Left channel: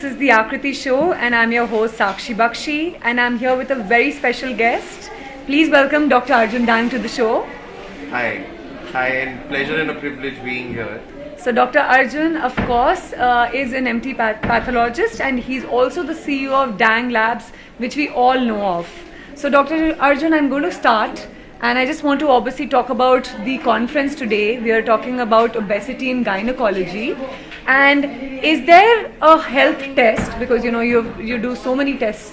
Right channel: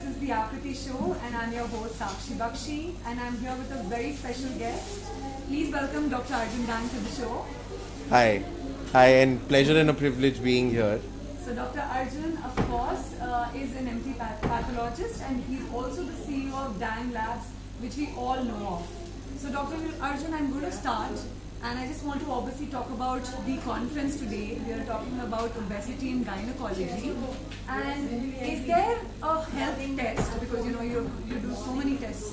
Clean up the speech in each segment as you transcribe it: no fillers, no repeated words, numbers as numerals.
This is the Akriti show, and I'm your host Sakshi Bakshi, and I'm here with a very special guest. Please welcome Dr. Arjun Dang to the show. Hi. Hi, and pleasure and a privilege being here. So, Dr. Arjun, of course, is an MT pathologist, and he's also the CEO of Dang Labs, which we all know of. So, Dr. Arjun, I'm going to start, and I just want to obviously talk about the conference today. We are talking about obesity in gynecology. And is there a health test, because you do so many tests,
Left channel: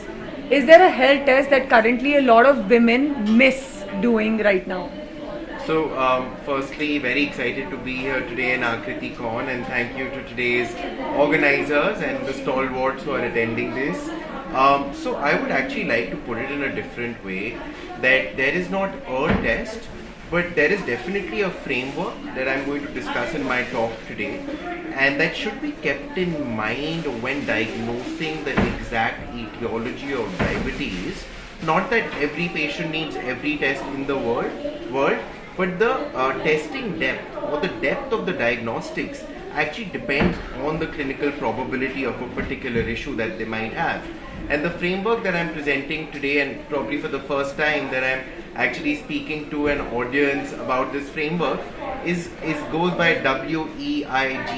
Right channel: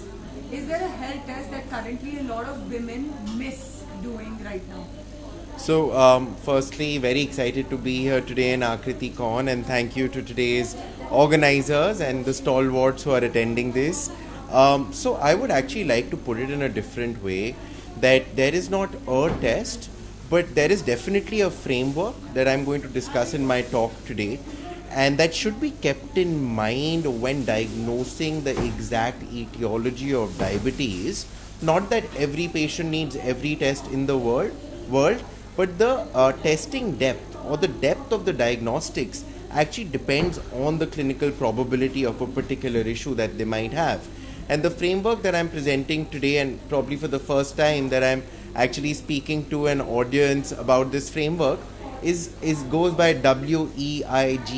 is there a health test that currently a lot of women miss doing right now? So, firstly, very excited to be here today in Akriti Con, and thank you to today's organizers and the stalwarts who are attending this. So, I would actually like to put it in a different way that there is not a test, but there is definitely a framework that I'm going to discuss in my talk today, and that should be kept in mind when diagnosing the exact etiology of diabetes. Not that every patient needs every test in the world, but the testing depth or the depth of the diagnostics actually depends on the clinical probability of a particular issue that they might have. And the framework that I'm presenting today, and probably for the first time that I'm actually speaking to an audience about this framework, is goes by WEIGHT.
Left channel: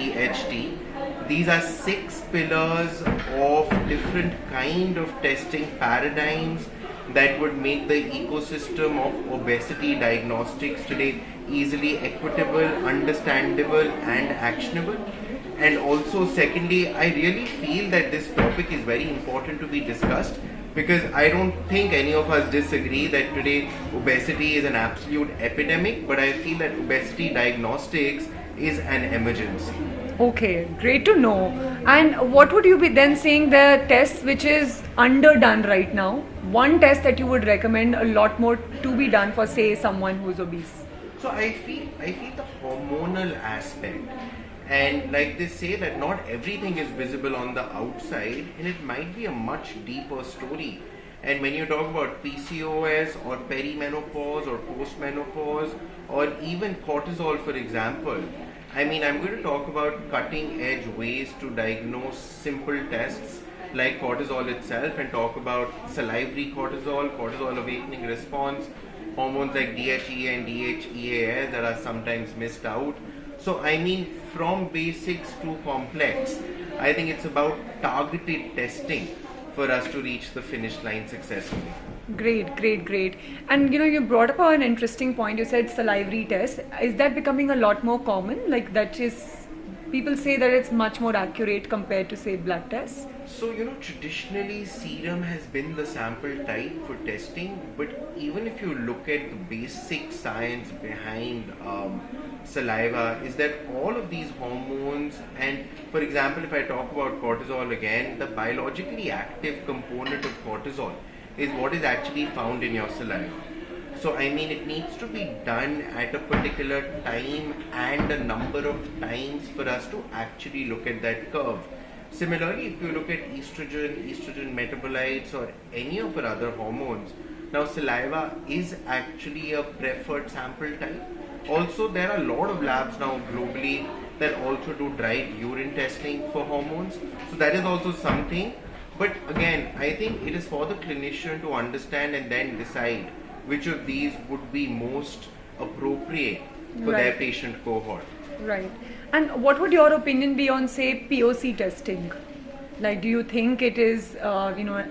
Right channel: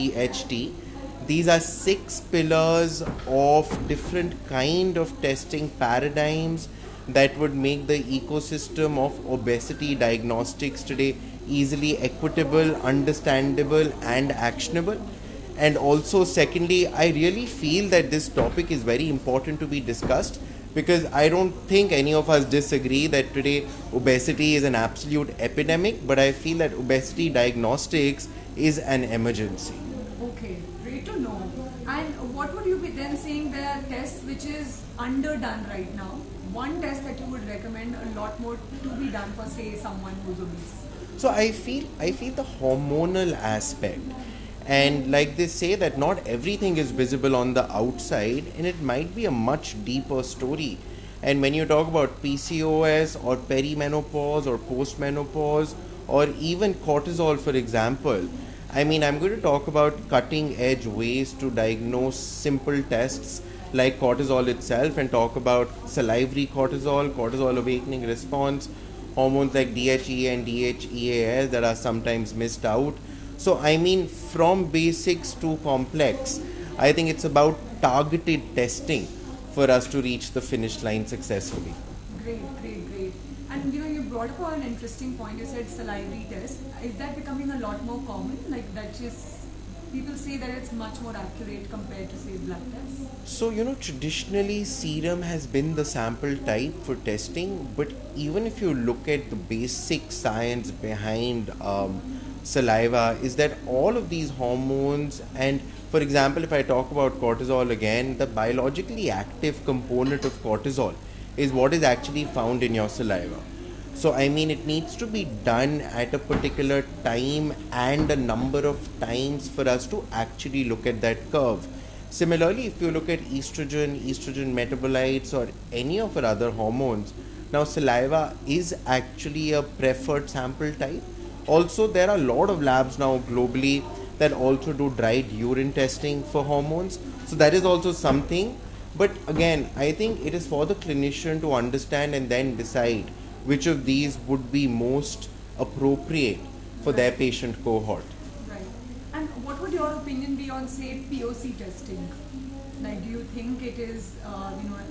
These are 6 pillars of different kind of testing paradigms that would make the ecosystem of obesity diagnostics today easily equitable, understandable, and actionable. And also, secondly, I really feel that this topic is very important to be discussed, because I don't think any of us disagree that today obesity is an absolute epidemic, but I feel that obesity diagnostics is an emergency. Okay, great to know. And what would you be then saying the test which is underdone right now? One test that you would recommend a lot more to be done for, say, someone who's obese. So I feel the hormonal aspect, and like they say that not everything is visible on the outside, and it might be a much deeper story. And when you talk about PCOS or perimenopause or postmenopause or even cortisol, for example, I mean, I'm going to talk about cutting edge ways to diagnose simple tests like cortisol itself, and talk about salivary cortisol, cortisol awakening response, hormones like DHEA and DHEAS that are sometimes missed out. So, I mean, from basics to complex, I think it's about targeted testing for us to reach the finish line successfully. Great, great, great. And you brought up an interesting point. You said salivary test. Is that becoming a lot more common? Like that is, people say that it's much more accurate compared to, say, blood tests. So, traditionally serum has been the sample type for testing, but even if you look at the basic science behind saliva, is that all of these hormones, and for example, if I talk about cortisol again, the biologically active component of cortisol is what is actually found in your saliva. So, I mean, it needs to be done at a particular time and a number of times for us to actually look at that curve. Similarly, if you look at estrogen metabolites, or any of our other hormones, now saliva is actually a preferred sample type. Also, there are a lot of labs now globally that also do dried urine testing for hormones. So, that is also something. But again, I think it is for the clinician to understand and then decide which of these would be most appropriate for their Right. patient cohort. Right. And what would your opinion be on, say, POC testing? Like, do you think it is,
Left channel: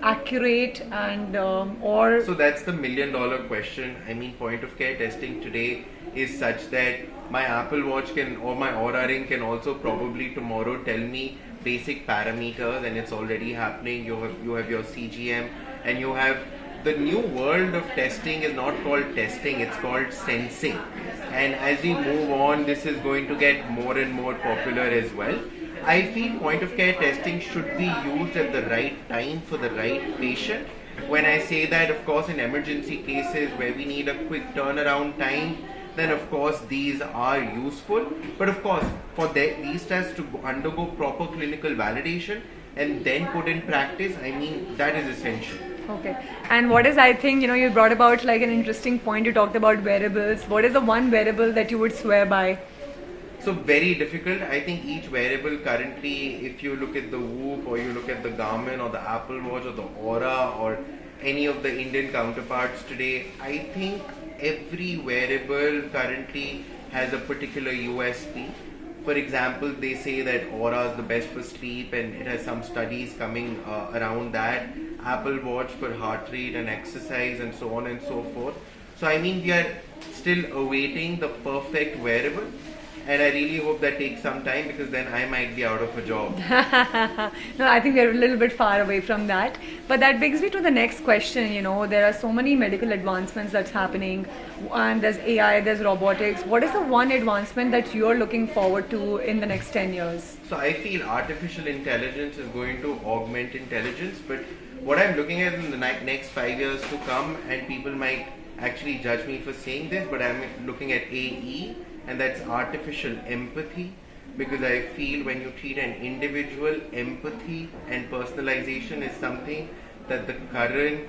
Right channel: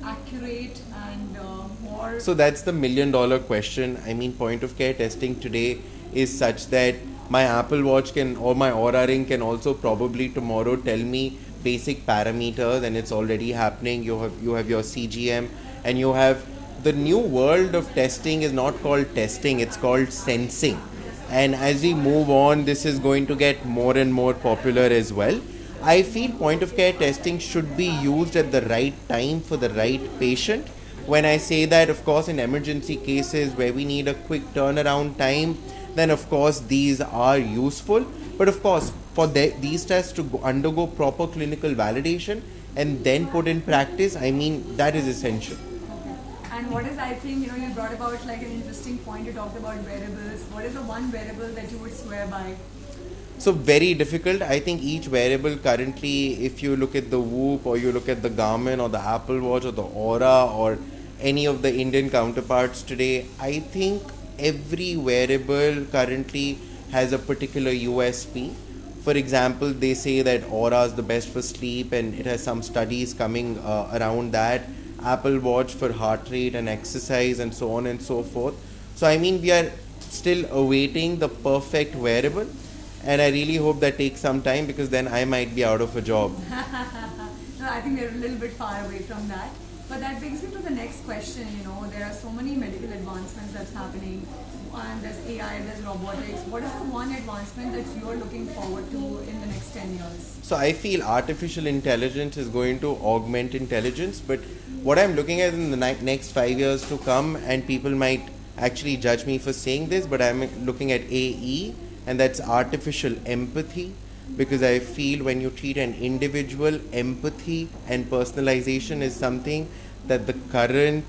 accurate and or So that's the $1 million question. I mean, point of care testing today is such that my Apple Watch can, or my Aura Ring can also probably tomorrow tell me basic parameters, and it's already happening. You have your CGM, and you have the new world of testing is not called testing, it's called sensing. And as we move on, this is going to get more and more popular as well. I feel point of care testing should be used at the right time for the right patient. When I say that, of course, in emergency cases where we need a quick turnaround time, then of course these are useful. But of course, for these tests to undergo proper clinical validation and then put in practice, I mean, that is essential. okay. And what is, I think, you brought about like an interesting point. You talked about wearables. What is the one wearable that you would swear by? So very difficult. I think each wearable currently, if you look at the Whoop or you look at the Garmin or the Apple Watch or the Aura or any of the Indian counterparts today, I think every wearable currently has a particular USP. For example, they say that Aura is the best for sleep, and it has some studies coming around that. Apple Watch for heart rate and exercise, and so on and so forth. So, I mean, we are still awaiting the perfect wearable, and I really hope that takes some time, because then I might be out of a job. No, I think we're a little bit far away from that. But that brings me to the next question. There are so many medical advancements that's happening, and there's AI, there's robotics. What is the one advancement that you're looking forward to in the next 10 years? So I feel artificial intelligence is going to augment intelligence, but what I'm looking at in the next 5 years to come, and people might actually judge me for saying this, but I'm looking at AE, and that's artificial empathy, because I feel when you treat an individual, empathy and personalization is something that the current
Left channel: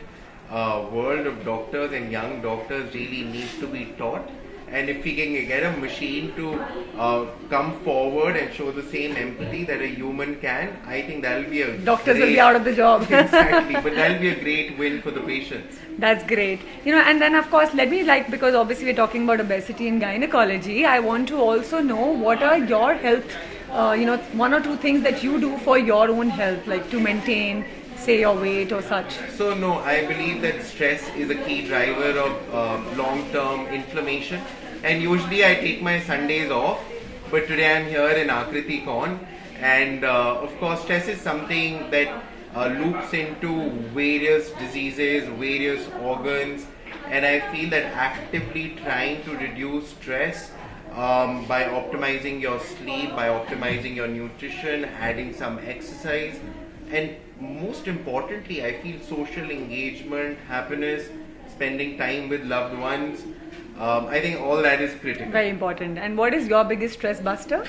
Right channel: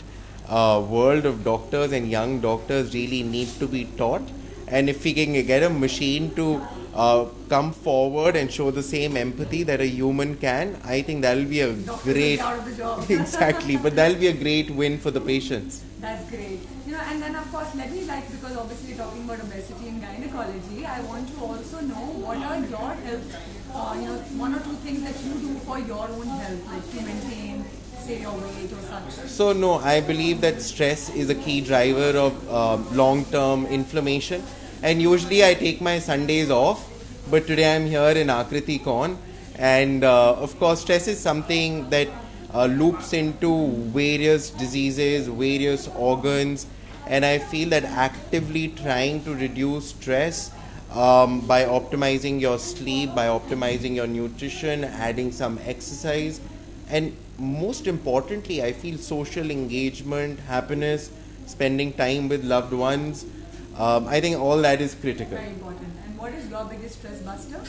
world of doctors and young doctors really need to be taught. And if we can get a machine to come forward and show the same empathy that a human can, I think that'll be a Doctors great, will be out of the job. exactly, but that'll be a great win for the patients. That's great. And then of course, let me because obviously we're talking about obesity and gynecology, I want to also know what are your health, one or two things that you do for your own health, like to maintain, say, your weight or such. So no, I believe that stress is a key driver of long-term inflammation, and usually I take my Sundays off, but today I'm here in Akriti Con, and of course stress is something that loops into various diseases, various organs, and I feel that actively trying to reduce stress by optimizing your sleep, by optimizing your nutrition, adding some exercise, and most importantly, I feel social engagement, happiness, spending time with loved ones. I think all that is critical. Very important. And what is your biggest stress buster?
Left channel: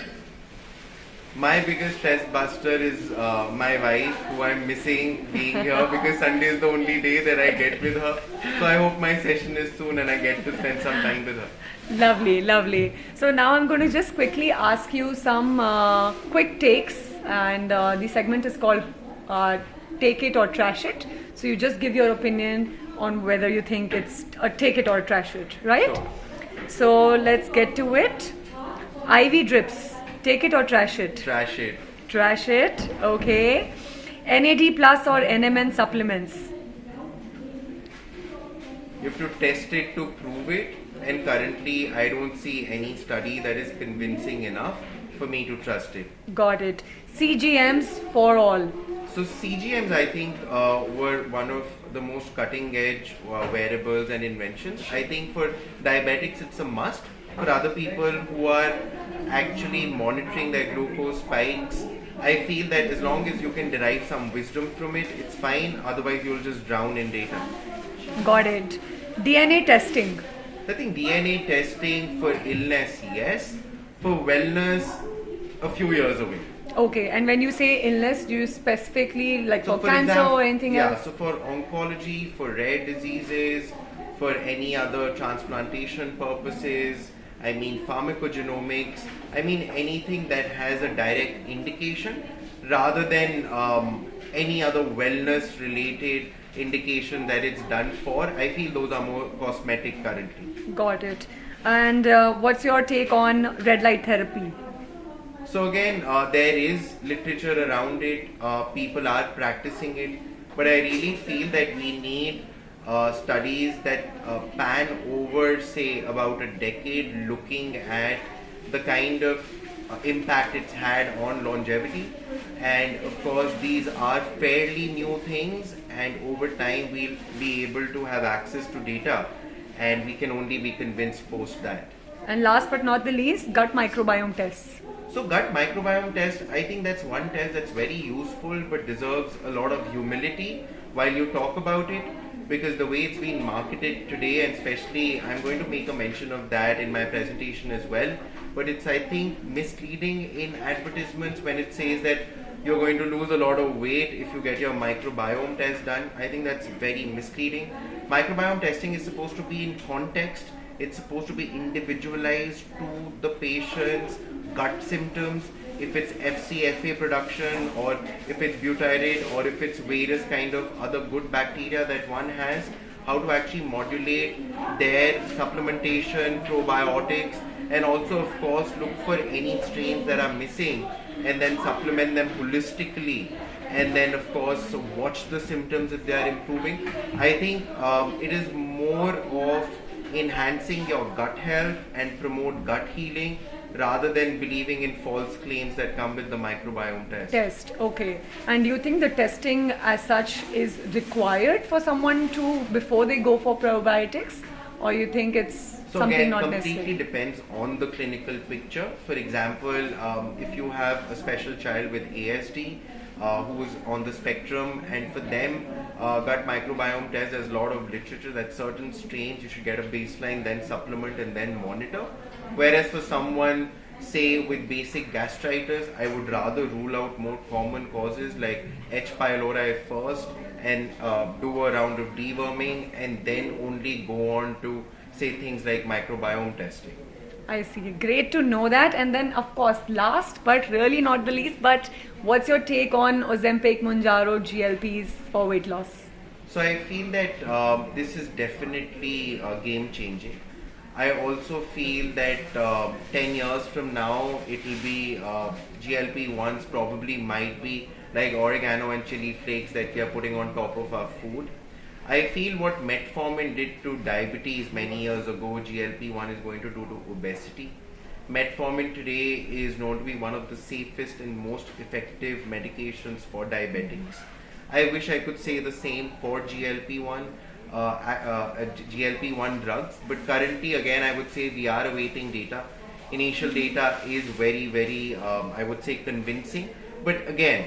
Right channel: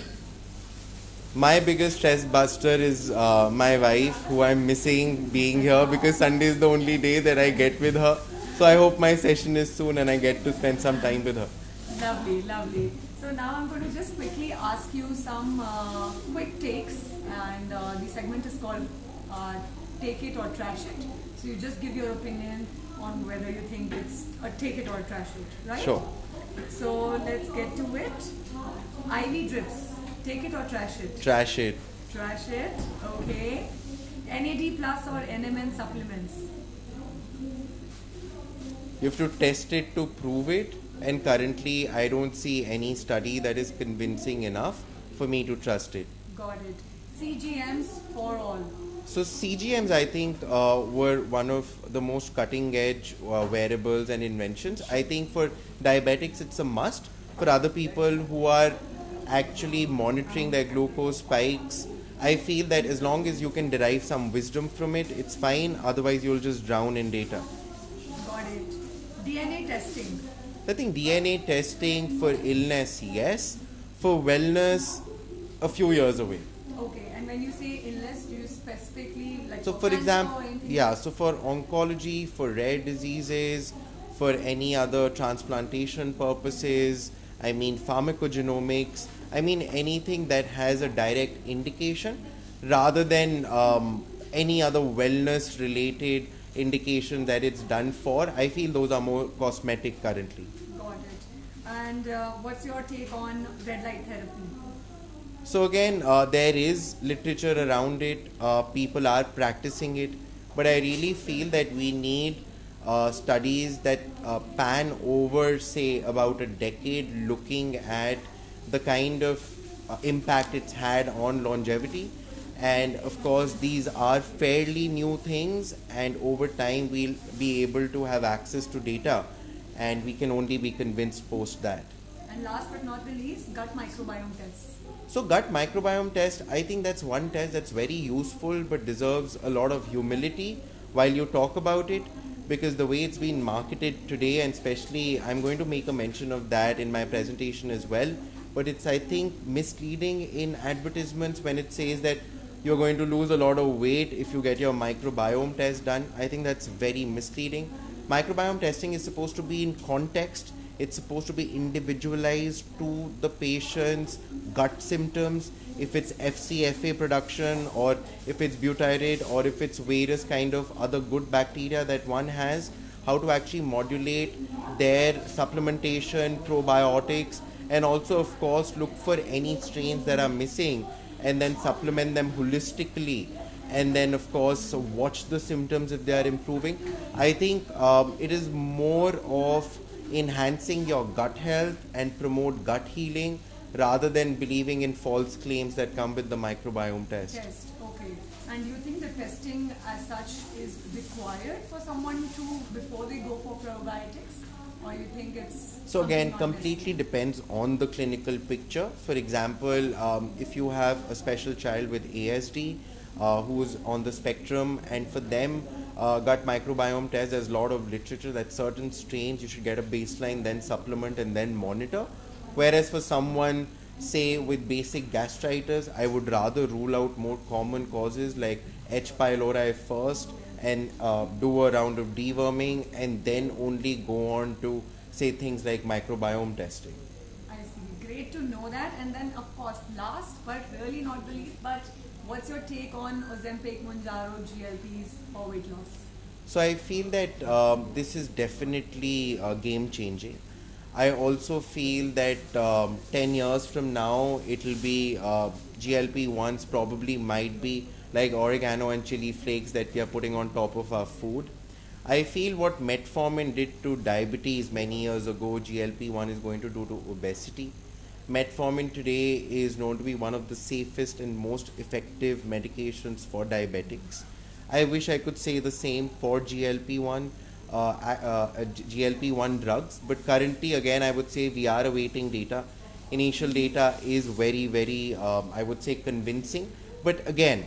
My biggest stress buster is my wife, who I'm missing being here, because Sunday is the only day that I get with her. So I hope my session is soon and I get to spend some time with her. Lovely, lovely. So now I'm going to just quickly ask you some quick takes, and the segment is called Take It or Trash It. So you just give your opinion on whether you think it's a take it or trash it, right? Sure. So let's get to it. IV drips, take it or trash it? Trash it. Trash it, okay. NAD plus or NMN supplements? You have to test it to prove it, and currently I don't see any study that is convincing enough for me to trust it. Got it. CGMs for all. So CGMs, I think, were one of the most cutting edge wearables and inventions. I think for diabetics it's a must. For other people who are actually monitoring their glucose spikes, I feel that as long as you can derive some wisdom from it, it's fine. Otherwise you'll just drown in data. Got it. DNA testing. I think DNA testing for illness, yes. For wellness, a few years away. Okay, and when you say illness, do you specifically like for cancer example, or anything yeah, else? so for oncology, for rare diseases, for any other transplantation purposes, I mean pharmacogenomics, I mean anything that has a direct indication rather than any other wellness related indication that it's done for. I feel those are more cosmetic currently. Got it. And what's your take on red light therapy? So again, there is literature around it. People are practicing it, but I really feel that we need studies that pan over, say, about a decade, looking at the kind of impact it's had on longevity. And of course, these are fairly new things, and over time, we'll be able to have access to data, and we can only be convinced post that. And last but not the least, gut microbiome tests. So gut microbiome test, I think that's one test that's very useful but deserves a lot of humility while you talk about it, because the way it's been marketed today, and especially I'm going to make a mention of that in my presentation as well, but it's, I think, misleading in advertisements when it says that you're going to lose a lot of weight if you get your microbiome test done. I think that's very misleading. Microbiome testing is supposed to be in context. It's supposed to be individualized to the patient's gut symptoms, if it's FCFA production, or if it's butyrate, or if it's various kind of other good bacteria that one has, how to actually modulate their supplementation, probiotics, and also of course look for any strains that are missing and then supplement them holistically, and then of course watch the symptoms if they are improving. I think it is more of enhancing your gut health and promote gut healing rather than believing in false claims that come with the microbiome test. Test, okay. And do you think the testing as such is required for someone to, before they go for probiotics? Or you think it's So something again, not completely necessary? depends on the clinical picture. For example, if you have a special child with ASD who's on the spectrum, and for them, gut microbiome test, there's a lot of literature that certain strains you should get a baseline, then supplement, and then monitor. Whereas for someone, say with basic gastritis, I would rather rule out more common causes like H. pylori first, and do a round of deworming, and then only go on to say things like microbiome testing. I see. Great to know that. And then, of course, last but really not the least, but what's your take on Ozempic, Mounjaro, GLPs for weight loss? So I feel that this is definitely game changing. I also feel that 10 years from now, it will be GLP-1s probably might be like oregano and chili flakes that we are putting on top of our food. I feel what metformin did to diabetes many years ago, GLP-1 is going to do to obesity. Metformin today is known to be one of the safest and most effective medications for diabetics. I wish I could say the same for GLP-1 drugs, but currently again I would say we are awaiting data. Initial data is very I would say convincing, but again,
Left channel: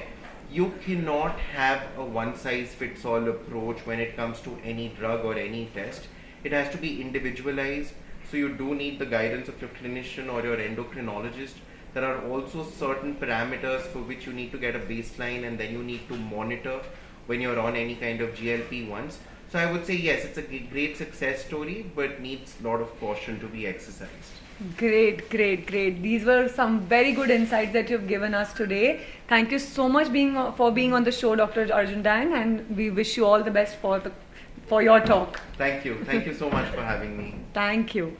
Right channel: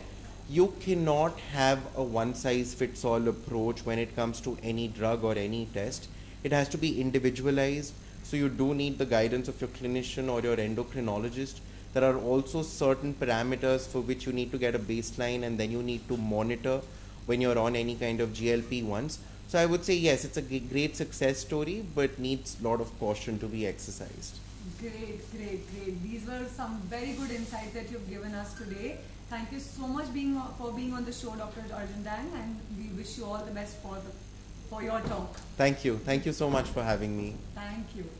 you cannot have a one size fits all approach when it comes to any drug or any test. It has to be individualized, so you do need the guidance of your clinician or your endocrinologist. There are also certain parameters for which you need to get a baseline, and then you need to monitor when you're on any kind of GLP-1s. So I would say yes, it's a great success story, but needs a lot of caution to be exercised. Great, great, great. These were some very good insights that you've given us today. Thank you so much for being on the show, Dr. Arjun Dang, and we wish you all the best for your talk. Thank you. Thank you so much for having me. Thank you.